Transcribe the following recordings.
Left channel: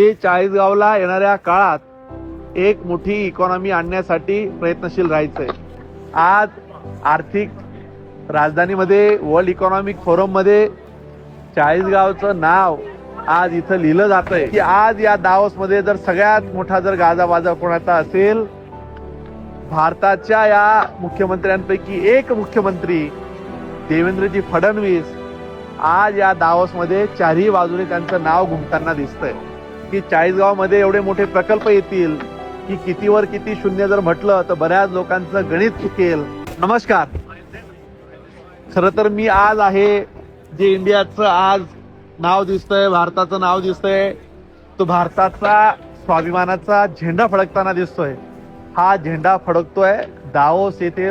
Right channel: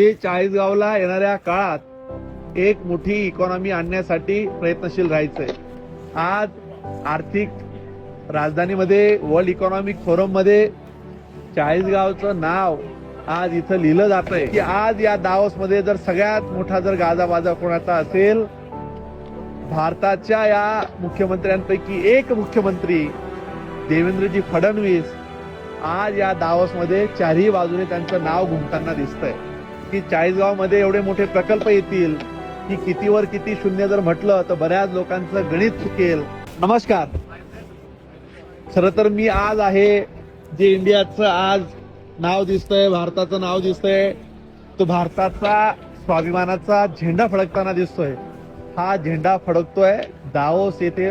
की चाळीसगावला येणाऱ्या काळात एक मोठी इकॉनॉमी आणण्यासाठी प्रयत्नशील राहायचंय. आज आर्थिक राजधानीमध्ये वर्ल्ड इकॉनॉमिक फोरम मध्ये चाळीसगावचं नाव आज इथं लिहिलं जातंय की आज या दावोसमध्ये जर सगळ्यात मोठा जर गाजावाजा कोणाचा असेल, भारताच्या या मुख्यमंत्र्यांपैकी एक मुख्यमंत्री देवेंद्रजी फडणवीस आज या दावोसमध्ये चारही बाजूने त्यांचं नाव घुमताना दिसतंय की चाळीसगावमध्ये एवढे मोठे प्रकल्प येतील की कितीवर किती शून्य जर म्हटलं तर बऱ्याच लोकांचं गणित चुकेल. नमस्कार. खरं तर मी आज आहे जे इंडियाचं आज नाव दिसतंय, भारताचं नाव दिसतंय, तो भारताचा स्वाभिमानाचा झेंडा फडकताना दिसतोय. हा झेंडा फडकतोय दावोस येथे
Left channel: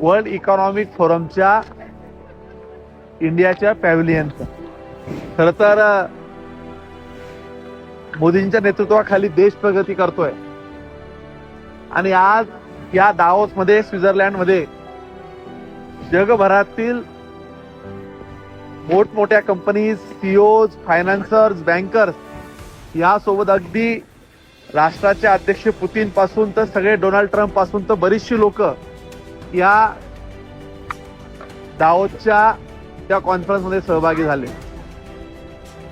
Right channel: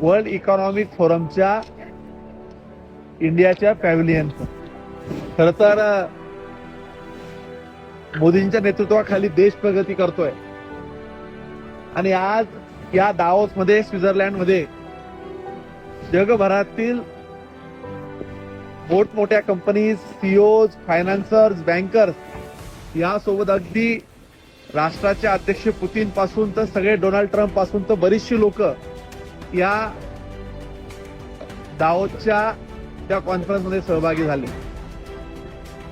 वर्ल्ड इकॉनॉमिक फोरमच्या इंडियाच्या पॅव्हिलियनचं. खरं तर मोदींच्या नेतृत्वाखाली देश प्रगती करतोय आणि आज या दावोसमध्ये स्वित्झर्लंडमध्ये जगभरातील मोठमोठ्या कंपनीज, सीईओज, फायनान्सर्स, बँकर्स यासोबत अगदी राष्ट्राचे अध्यक्ष पुतीन पासून तर सगळे डोनाल्ड ट्रम्प पासून तर बरीचशी लोक या दावोसच्या त्या कॉन्फरन्समध्ये सहभागी झाले.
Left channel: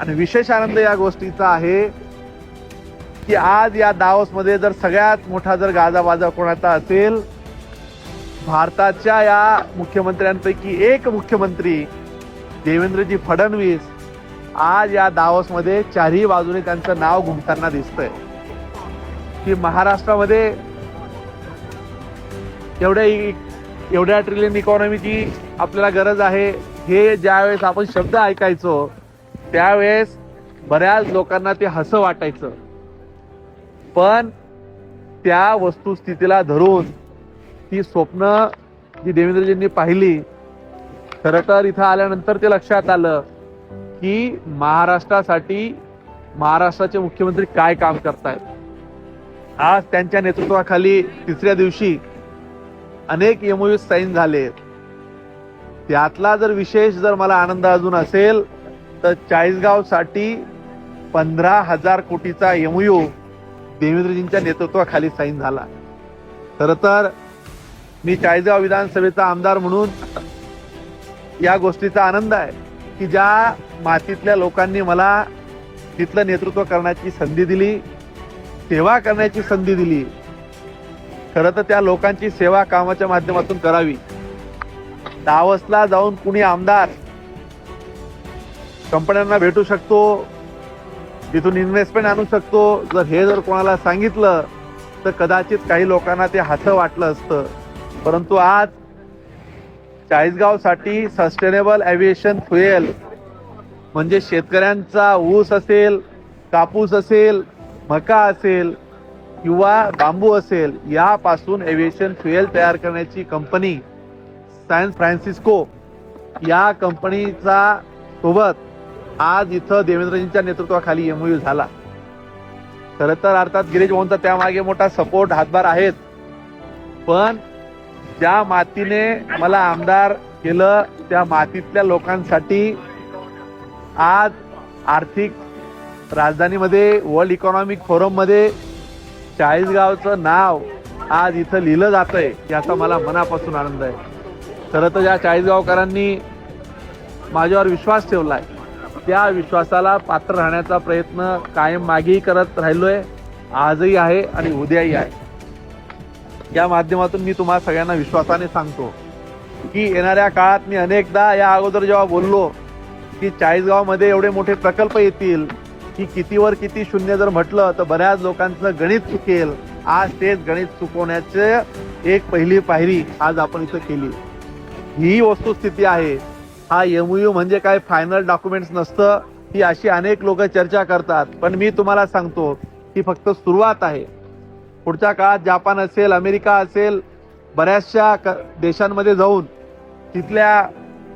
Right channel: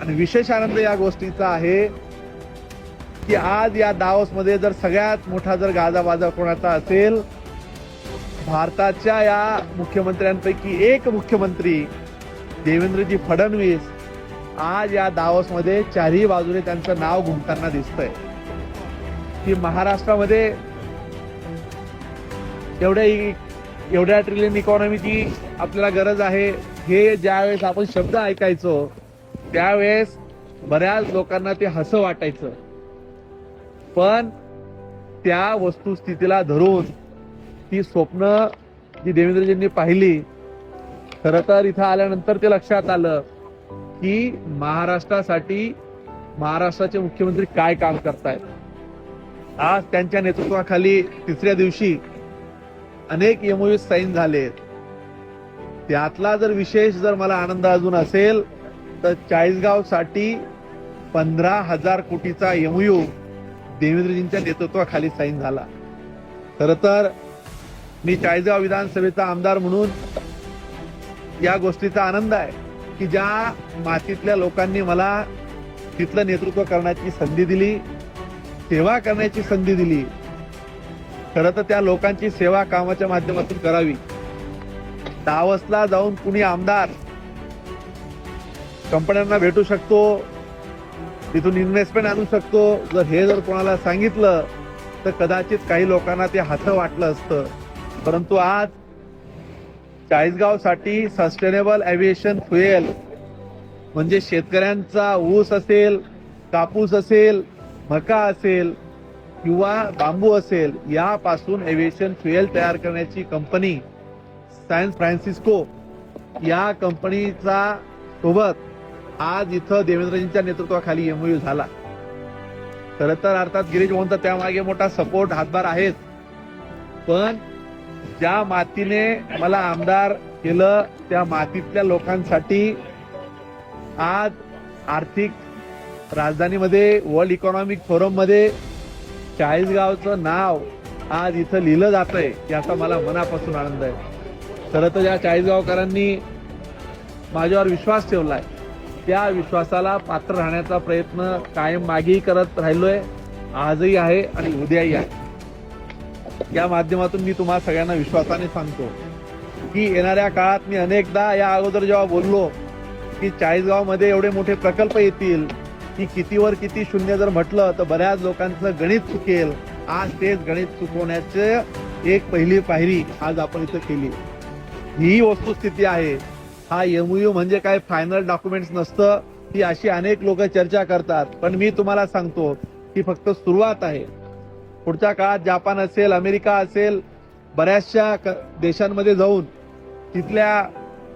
आणि विशेष आनंद या गोष्टीचा आहे की आज या दावोसमध्ये जर सगळ्यात मोठा जर गाजावाजा कोणाचा असेल, भारताच्या या मुख्यमंत्र्यांपैकी एक मुख्यमंत्री देवेंद्रजी फडणवीस आज या दावोसमध्ये चारही बाजूने त्यांचं नाव घुमताना दिसतंय की महाराष्ट्रामध्ये एवढ्या ट्रिलियन इकॉनॉमीची आपल्याला गरज आहे. हे ज्यावेळेस आपण शब्द ऐकायचो त्यावेळेस बऱ्याच लोकांना ते हसं वाटायचं, पण त्या वस्तुस्थितीला धरून ती स्वप्न जी देवेंद्रजींनी पाहिली, खरं तर इथं आल्यानंतर ते लक्षात आलं की महाराष्ट्रासाठी महाराष्ट्राचे मुख्यमंत्री काय काम करतायत. आज त्यांच्या नेतृत्वाखाली तिसऱ्या दिवशी अनेक एमओयू साईन झाले. त्यातला जर विशेष जर मला आनंद अजून असेल तर चाळीसगावसाठी 15,000 कोटीचा एमओयू देवेंद्रजींच्या नेतृत्वाखाली साईन झाला. खरं तर मी चाळीसगाव विधानसभेचा आमदार म्हणून या गोष्टीचा आनंद आहे की ज्या मातीतल्या लोकांनी मला तिथलं नेतृत्व करण्याची संधी दिली, सेवा करण्याची संधी दिली. खरं तर त्या लोकांची सेवा कामाच्या माध्यमातून करावी. दावोसला जाऊन कुणी आमदार कंपन्यांना भेटू शकतो, तिथून इन्व्हेस्टमेंट आणू शकतो, जर कोणाला सांगितलं तर कदाचित काही लोकांना ते हसं वाटलं असतं. परंतु आज चाळीसगावसाठी सस्टेनेबल एव्हिएशन फ्युएल म्हणजे शेतकऱ्यांचा ऊस असेल, कापूस असेल, मका असेल किंवा बांबू असेल यापासून एव्हिएशन फ्युएल तयार करण्याची कंपनी सॅन फ्रान्सिस्को या कंपनीचा सोबत आज इथं देवेंद्रजींच्या नेतृत्वाखाली एमओयू झाला. खरं तर अर्थात गिरीश भाऊंचा त्यामागे मोठा सपोर्ट हातभार आहेत, पण ज्या मातीने मला आमदार केलं त्या मातीतल्या लोकांसाठी आज आर्थिक राजधानीमध्ये वर्ल्ड इकॉनॉमिक फोरम मध्ये चाळीसगावचं नाव आज इथं लिहिलं जातंय याचा मला मनापासून आनंद आहे. खरं तर या चाळीसगावकरांनी माझ्यावर विश्वास ठेवलाय, त्या विश्वासाला पात्र राहण्याचा प्रयत्न कायम मागेही करत राहिलोय, आजही आहे आणि उद्याही आहे. या माध्यमातून मी तुम्हाला सगळ्यांना विश्वासाने सांगतो की येणाऱ्या काळात मी अनेकदा या अगोदर जेव्हा बोललो की चाळीसगावमध्ये एवढे मोठे प्रकल्प येतील की कितीवर किती शून्य जर म्हटलं तर बऱ्याच लोकांचं गणित चुकेल, आज तेच गणित चुकवण्याचे एक पहिली पायरी आज आपण इथं केली. ही वस्तुस्थिती आहे. हा एमओयू म्हणजे काय फायनल डॉक्युमेंट नसतं, ही अशी अनेक लोक चर्चा करतात, पण मी तुम्हाला सांगतो ती फक्त सुरुवात आहे. पुढच्या काळात जापान असेल, अमेरिका असेल, बऱ्याचशा देशांमध्ये जाऊन तिथल्या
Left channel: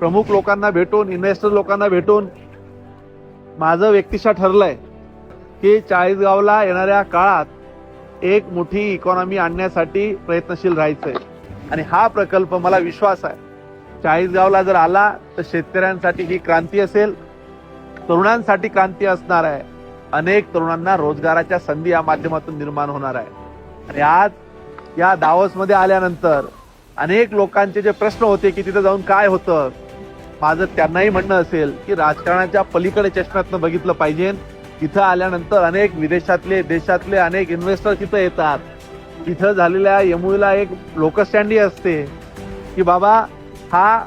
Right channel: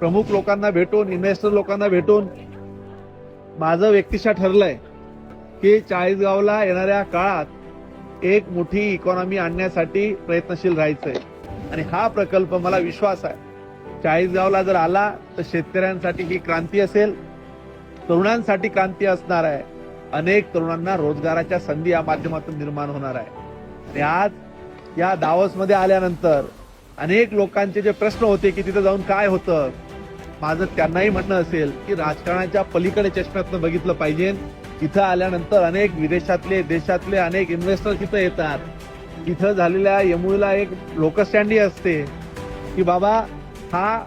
प्रमुख लोकांना भेटून, इन्व्हेस्टर लोकांना भेटून माझं व्यक्तिशः ठरलंय की चाळीसगावला येणाऱ्या काळात एक मोठी इकॉनॉमी आणण्यासाठी प्रयत्नशील राहायचंय. आणि हा प्रकल्प मला विश्वास आहे चाळीसगावला जर आला तर शेतकऱ्यांसाठी ही क्रांती असेल, तरुणांसाठी क्रांती असणार आहे, अनेक तरुणांना रोजगाराच्या संधी या माध्यमातून निर्माण होणार आहे। आणि आज या दावोसमध्ये आल्यानंतर अनेक लोकांचे जे प्रश्न होते की तिथे जाऊन काय होतं, माझं त्यांनाही म्हणणं असेल की राजकारणाच्या पलीकडे चष्म्यातनं बघितलं पाहिजे। तिथं आल्यानंतर अनेक विदेशातले देशातले अनेक इन्व्हेस्टर तिथं येतात। तिथं झालेल्या एमओयूला एक लोकशांडी असते की बाबा हा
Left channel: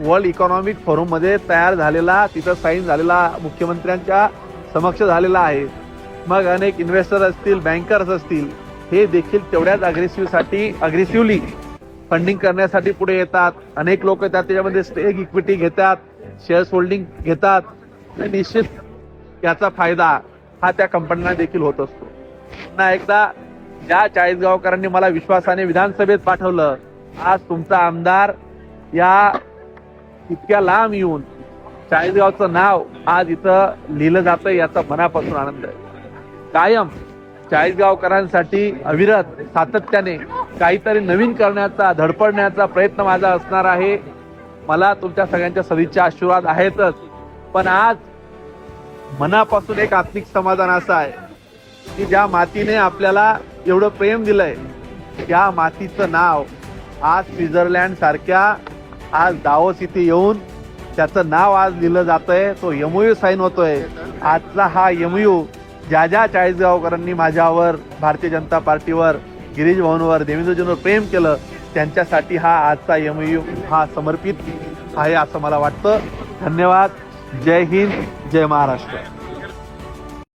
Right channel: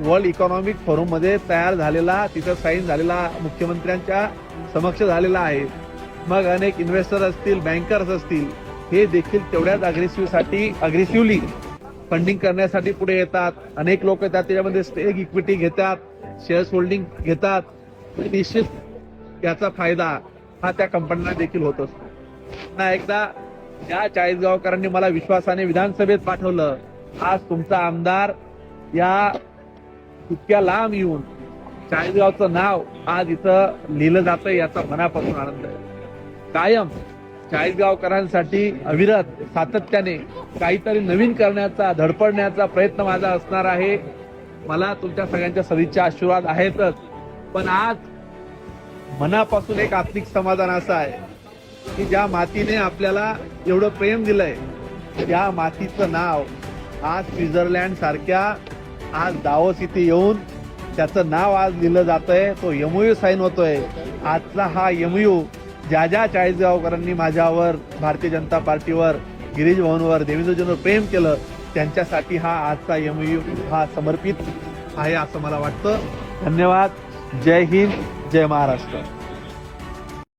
वर्ल्ड इकॉनॉमिक फोरम मध्ये तयार झालेला, तिथं साईन झालेला, मुख्यमंत्र्यांच्या समक्ष झालेला आहे। मग अनेक इन्व्हेस्टर असतील, बँकर्स असतील, हे देखील तेवढ्याच अग्रेसिव्हली फंडिंग करण्यासाठी पुढे येतात। अनेक लोक त्याच्यामध्ये स्टेक इक्विटी घेतात, शेअर्स होल्डिंग घेतात। निश्चित याचा फायदा हा त्या कंपन्यांना देखील होत असतो। पुन्हा एकदा ज्या चाळीसगावकरांनी मला विश्वासाने विधानसभेत पाठवलं, आज तुमचा आमदार या इतक्या लांब येऊन चाळीसगावचं नाव आज इथं लिहिलं जातं, याचा मनापासून आनंद आहे। कायम चाळीसगावकरांसाठी अविरत सातत्याने काहीतरी नवीन करण्याचा, धडपडण्याचा प्रयत्न माझा असणार आहे। मला तुमच्या सगळ्यांच्या सदिच्छा आशीर्वाद आहेतच, पण आज मनापासून एक आत्मिक समाधान असं आहे की ज्या मातीने आपल्याला एवढं प्रेम दिलंय, त्या मातीचं नाव आज स्वित्झर्लंड सारख्या आज दावोस इथे येऊन त्याचं नाव आज लिहिलं जातंय, तो एमओयू साईन होतोय। आजचा हा एमओयू ज्या ज्या चाळीसगावकरांनी माझ्यावर, भारतीय जनता पार्टीवर, गिरीश भाऊंवर, देवेंद्रजींवर प्रेम केलं, त्यांच्यासाठी हा आजचा एमओयू हा समर्पित आहे असं मला वाटतं। धन्यवाद। जय हिंद, जय महाराष्ट्र।